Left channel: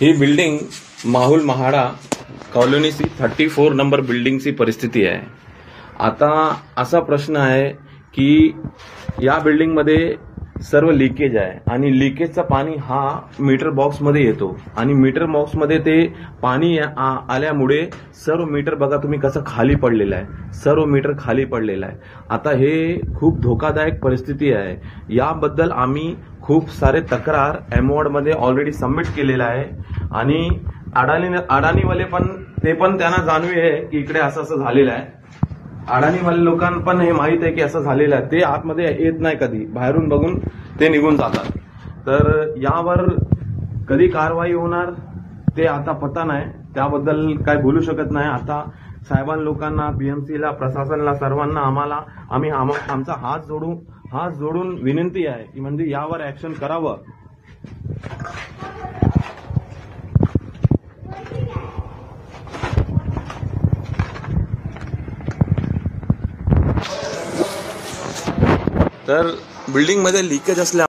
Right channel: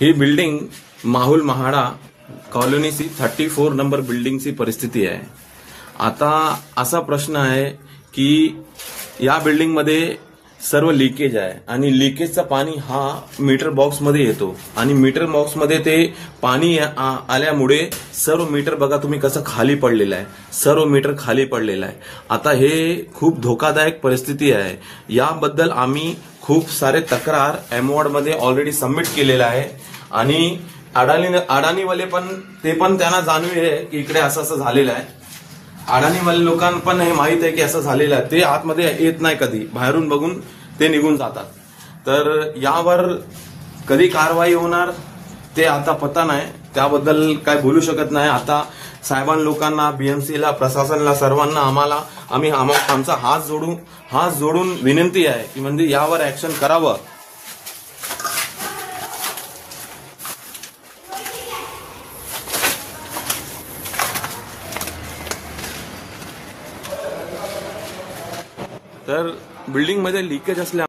ही building Mahul MHADA कॉलनीची 34 number बिल्डिंगची परिस्थिती आहे। आता असा प्रश्न आहे की या बिल्डिंगमध्ये सर्व लीकेज आहे आणि लीकेजचं पाणी हा मीटर बॉक्स मध्ये येतो आणि मीटर बॉक्स मध्ये ते पाणी आल्यामुळे सर्व मीटर बघा तुम्ही कसं खाली पडलेलं आहे, सर्व मीटर खाली पडलेलं आहे। आता हे खूप धोकादायक परिस्थिती आहे। याबद्दल आम्ही खूप सारे तक्रार एमवॉर्ड मध्ये ऑलरेडी सबमिट केलेला आहे आणि अडाणीवाले पण त्यांना जाणीव आहे की इकडे असं झालेलं आहे। अडाणीवाले लोकांना पण हे माहित आहे की असं झालेलं आहे। ते आतमध्ये येत नाही, कधी बाहेरून बघून ते निघून जातात। तर यावर कधी कारवाई होणार ते आता पता नाही, त्याबद्दल काय बोलू शकत नाही। आता साहेबां लोकांना, बीएमसीला, प्रशासनाला, सर्वांना आमचा हात जोडून विनंती आहे की म्हणजे यावर ऍक्शन करावं। तर बिल्डिंग मध्ये लीकेज असल्या